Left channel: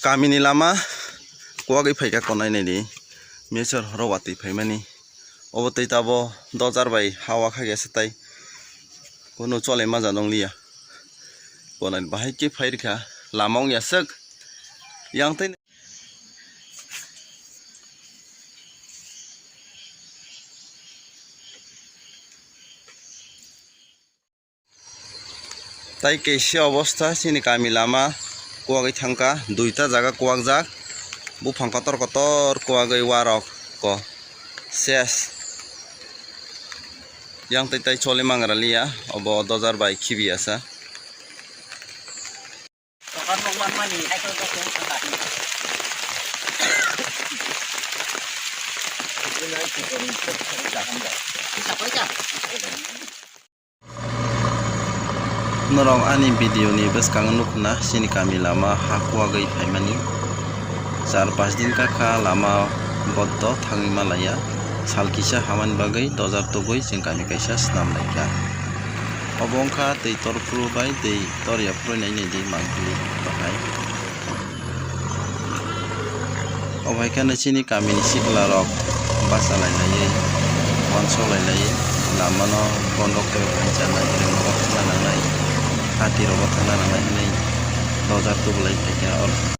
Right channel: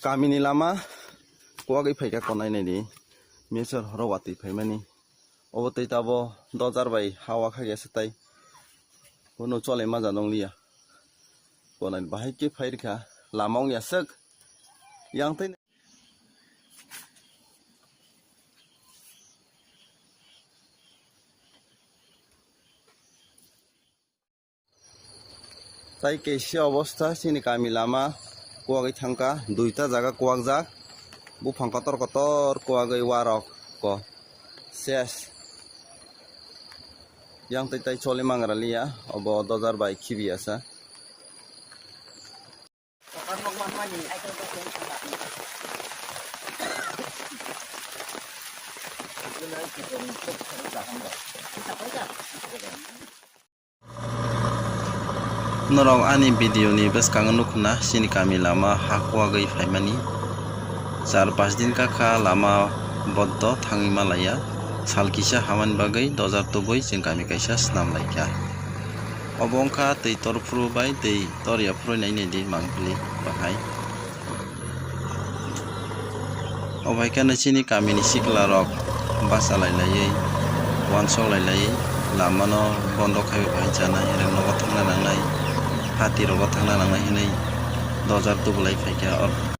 kamini lama kuagai phaika konai ni mesor rawati phaimani obotei tabo dojar bai hawa khage satai kono chole maja nonglia konai bahai ke phairkha lamong yasak yang tei tai keisi অবস্থা sini kami lama kuagai thangka duita jaga kuagjak bufang kotor kotor kuagai warok ko ses yang tai chole mangralia obo dojar bai khibiasa norong ani video ni beskang nukna sini kami lama hakuagai phaimani 4-5 din kakha lama boddo thangi malaya salkisa haman bagai dojar tugoi jeng kami kaisa snam laika obongkha tei torpru bai tei toria proinai nei di mangpili bahai obaikana sini kami ni sikla rok basa lailai wansok lailai lama no bondo khaibe bahai janai reng nogo thangna nangnai hati rogo thangna nangnai hinai dojar tubulai phaikya or